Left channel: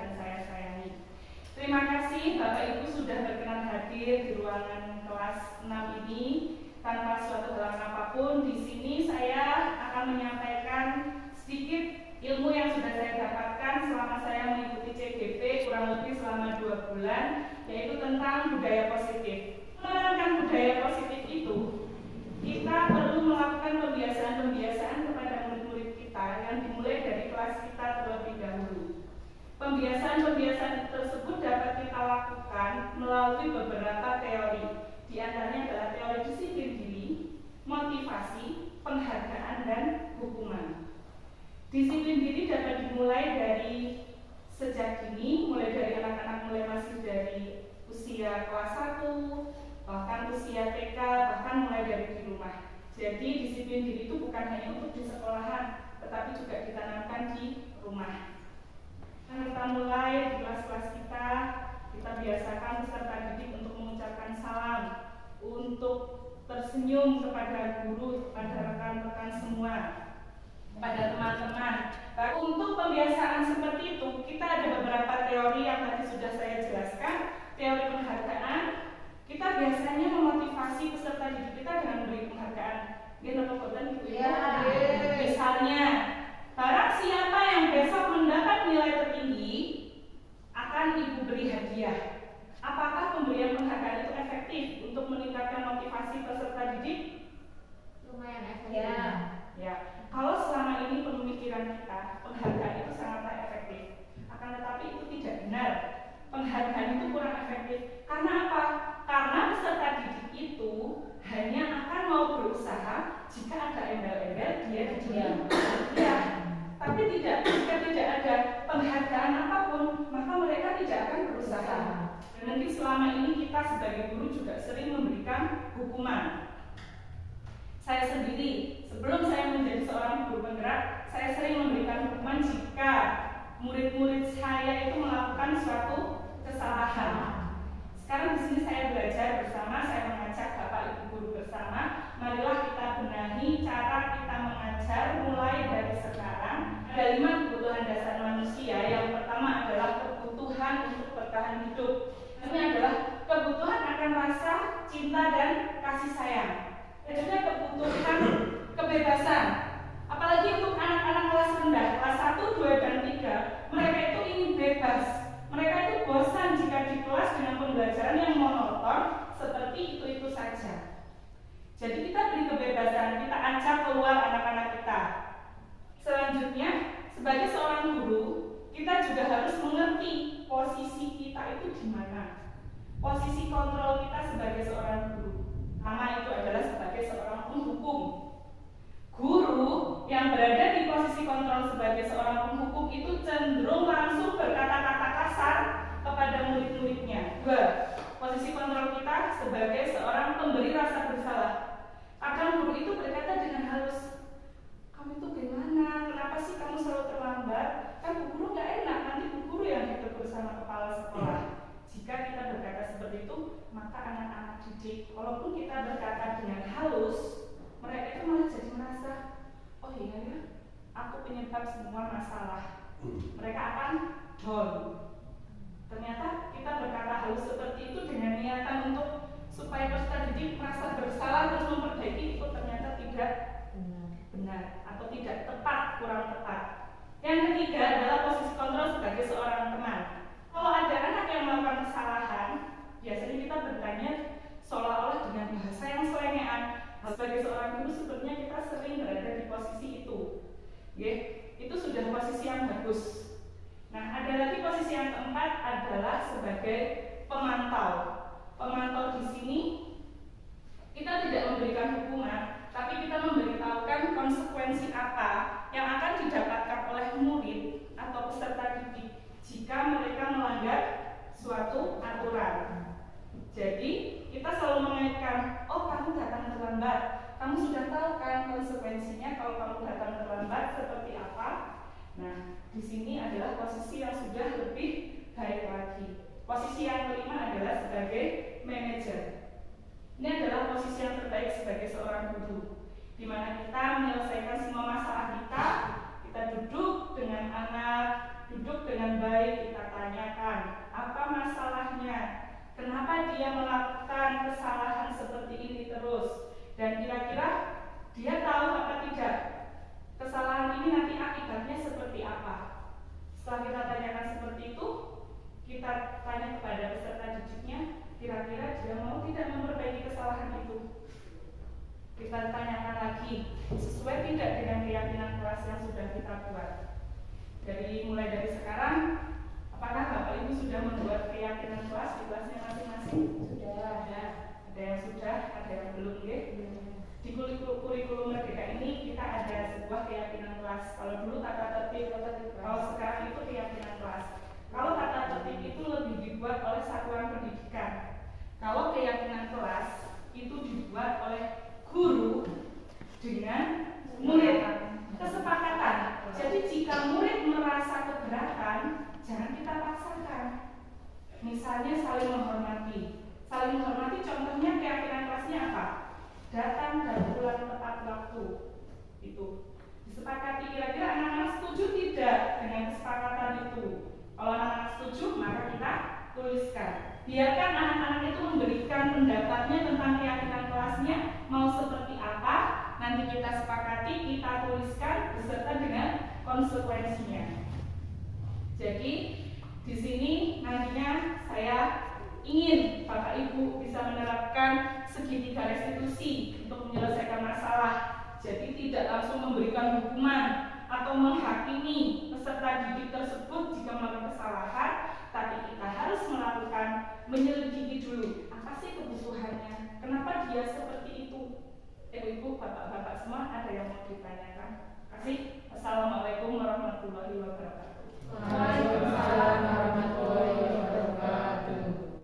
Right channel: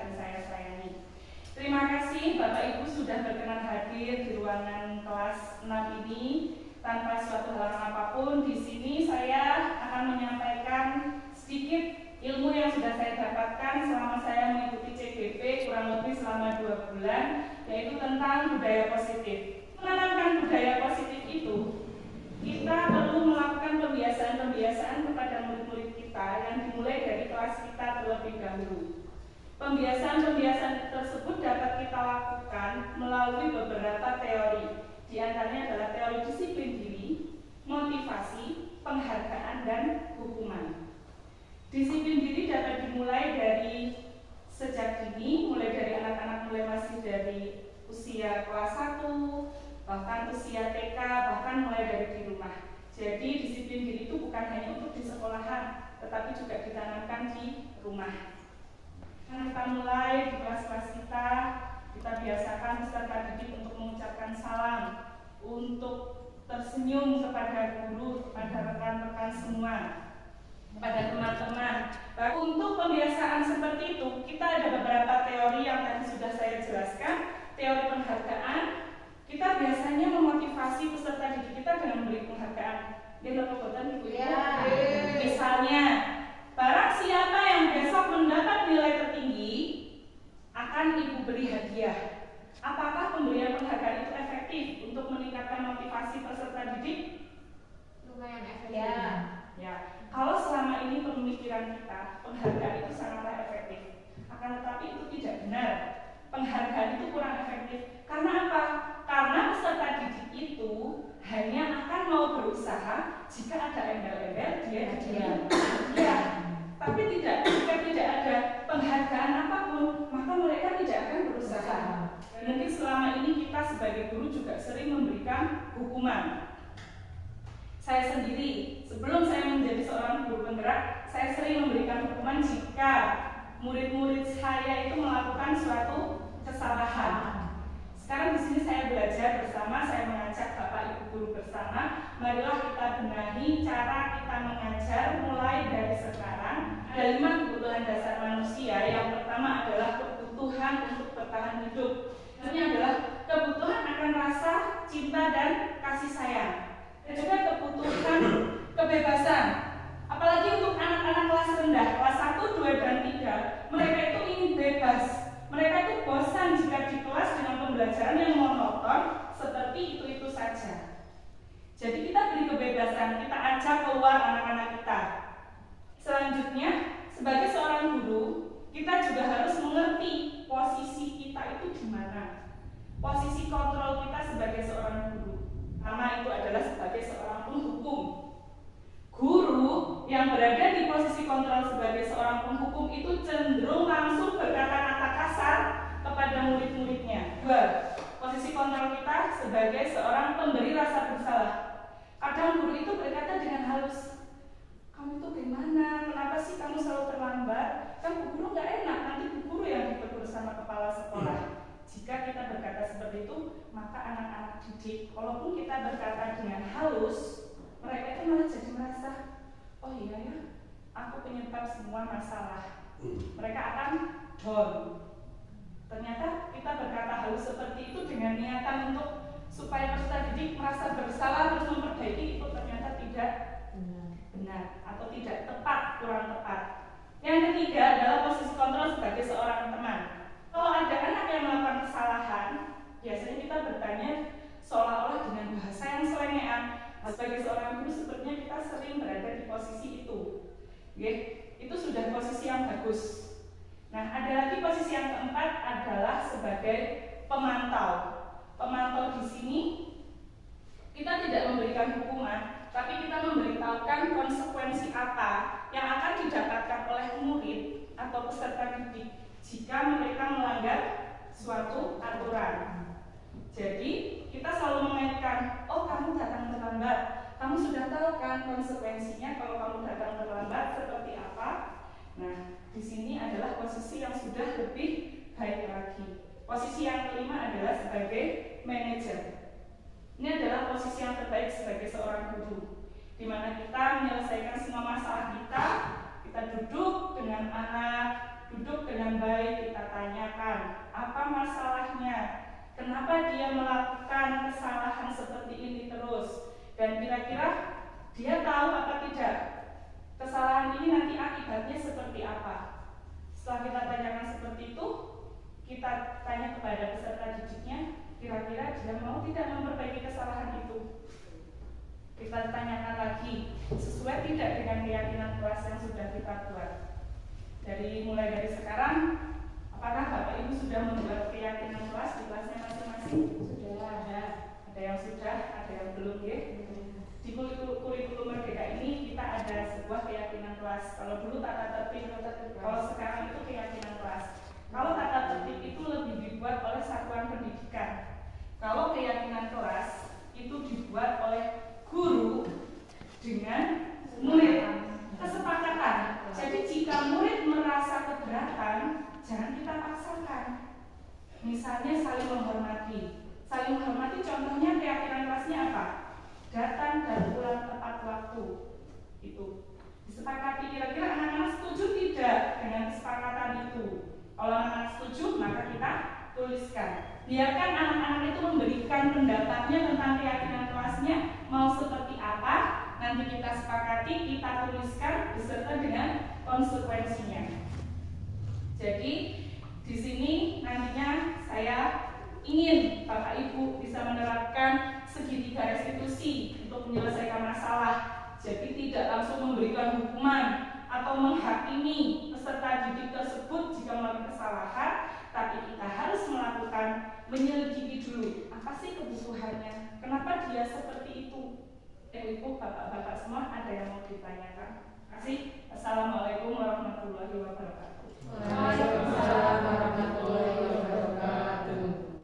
dan saya sayangi. Terima kasih Bapak Ibu sudah berkenan hadir di ruangan kelas 6 ini. Tanpa suatu halangan apapun, di sini saya akan menyampaikan sedikit ilmu yang sudah saya dapatkan selama saya mengikuti CGP kurang lebih selama 2 bulan, yaitu tentang budaya positif. Menanamkan budaya positif itu, kita perlu melakukan pembiasaan-pembiasaan kepada murid-murid kita yang dimulai dari kelas kita terlebih dahulu. Pembiasaan-pembiasaan tersebut dapat kita lakukan melalui beberapa teori. Di antaranya adalah teori disiplin diri, motivasi, penghargaan, dan hukuman. Disiplin diri dapat dimulai dari sejak dini, mulai dari anak-anak mulai masih dari usia kelas 1, bahkan usia TK, bahkan mulai dari di rumah. Jadi disiplin diri itu bukan hanya untuk di sekolahan, tetapi juga ditanamkan di rumah. Nah, kita mulai di kelas-kelas kita biasakan peserta didik untuk mengucapkan salam, untuk tersenyum kepada guru, kepada rekan-rekan semua, kepada teman-teman. Untuk pembiasaan seperti itu, kita ada beberapa teori yang tadi sudah saya jelaskan. Teori penghargaan, kita biasanya memotivasi peserta didik kita dengan memberi penghargaan. Misalnya, barang siapa yang besok mendapat nilai tertinggi, akan Ibu beri hadiah. Apakah pemberian penghargaan itu efektif untuk meningkatkan motivasi peserta didik? Lumayan efektif. Ya. Kalau selama ini pemikiran kita, penghargaan itu sangatlah efektif. Akan tetapi itu tidak benar. Penghargaan itu kurang efektif. Karena apa? Karena peserta didik itu hanya akan mau berusaha jika ada embel-embel dia diam. Ya. Tapi jika tidak ada penghargaan apapun, maka mereka tidak akan berusaha. Mungkin selama ini kita sebagai guru juga sering memberikan hukuman. Saya sendiri, sebelum saya menjadi seorang guru penggerak, saya sering memberikan hukuman jika murid-murid saya itu melakukan suatu kesalahan. Sekarang di sini saya belajar bersama, saya mengajak Bapak Ibu guru bersama, marilah kita benahi cara kita mengajar mulai dari sekarang. Ada 5 kebutuhan dasar manusia. Yang pertama adalah kebutuhan untuk bertahan hidup. Ini adalah kebutuhan akan rasa cinta dan kasih sayang. Dan juga kebutuhan kebebasan. Apalagi untuk anak-anak kelas rendah, kelas 1, 2, dan 3, mereka itu ingin bebas. Mereka itu bosan jika di kelas dengan pembelajaran yang monoton seperti itu saja. Jadi kita beri kebebasan, kita ajak keluar anak-anak kita. Selanjutnya, sebagai seorang guru, kita juga harus mengerti posisi kita itu di mana. Posisi kontrol kita sebagai seorang guru. Pertama itu adalah sebagai seorang penghukum. Guru yang berada di posisi kontrol sebagai seorang penghukum itu cenderung langsung berkata-kata kasar kepada murid-muridnya. 2. Posisi kontrol kita sebagai seorang pemberi rasa bersalah. Kadang guru itu berkata dengan halus, kamu itu gimana? Kenapa sih kamu selalu terlambat? Kan bu guru gak enak, nanti bu guru yang ditegur sama kepala sekolah. Jika kita berkata seperti itu, maka anak-anak didik, walaupun kita berkata dengan halus, mereka itu malah jadi merasa, oh iya ya, aku penyebab semua masalah. Mereka akan down. Ternyata kita berkata halus seperti itu dengan niatan untuk supaya peserta didik merasa bersalah terus memperbaiki, itu ternyata tidak benar atau tidak tepat, kurang tepat. Yang ketiga adalah posisi kontrol sebagai seorang teman. Kalau ada anak yang melakukan kesalahan, biasanya kita bertanya seolah-olah dengan bahasa yang selengean. Sebagai seorang guru sebenarnya kita sering berada di posisi itu. Itu sudah posisi yang bagus. Nah, ada lagi posisi yang keempat adalah sebagai pemantau. Pemantau di sini kita tidak memberikan hukuman, tapi kita memberitahukan konsekuensi apa yang akan didapatkan oleh murid atau peserta didik jika mereka melanggar suatu aturan. Jadi kita selalu mengaitkan, oh kamu datang terlambat, kamu sudah tahu kan konsekuensinya kalau kamu datang terlambat seperti apa. Nah, di sini adalah posisi yang sudah lebih baik lagi. Posisi yang kelima adalah sebagai manajer. Ini adalah posisi yang terbaik sebagai seorang guru, di mana kita menyelesaikan semua masalah kita duduk dengan anak, duduk dengan baik, kita dia melakukan kesalahan seperti ini terus, dan kira-kira dia tahu apa tidak kesalahan ini nanti akibatnya seperti apa. Setelah kita tanyakan seperti itu, kita tanya kepada peserta didiknya, kira-kira dia mau tidak memperbaiki kesalahan itu. Kita tanyakan lagi, sesuai tidak dengan keyakinan kelas yang sudah kita buat. Mulai dari sekarang, apakah Bapak Ibu sudah membuat keyakinan kelas di kelasnya masing-masing? Sudah. Ada yang sudah, ada yang belum ya? Di kurikulum Merdeka ini kita ada sebuah keyakinan kelas. Kalau dulu tata tertib, kalau sekarang itu keyakinan kelas. Kalau tata tertib itu lebih dibuat oleh satuan pendidikan. Kalau keyakinan kelas itu dibuat oleh guru dengan murid. Kesepakatan. Jadi jika murid merasa keberatan, jangan kita paksakan. Misalnya saling menghormati. Saling menghormati contohnya keyakinan kelasnya apa? Datang dan pulang tepat waktu. Itu disepakati. Kira-kira anak-anak setuju tidak dengan kesepakatan itu? Kalau anak-anak setuju, maka kita tuliskan. Biarkan anak-anak itu memberikan pendapatnya tentang keyakinan kelasnya mau seperti apa. Nanti kita sepakati, kita tuliskan beserta dengan konsekuensinya. Jadi di sini nantinya saya ingin Bapak Ibu bisa menerapkan segitiga restitusi untuk menyelesaikan masalah. Jadi tidak langsung memberikan hukuman atau menghakimi peserta didik tersebut jika melakukan kesalahan, tapi kita harus melakukan menyelidiki dulu apa sih kebutuhannya, kenapa dia seperti itu. Ibu, bapak-bapak semua ada yang mau ditanyakan? Terima kasih. Assalamualaikum warahmatullahi wabarakatuh.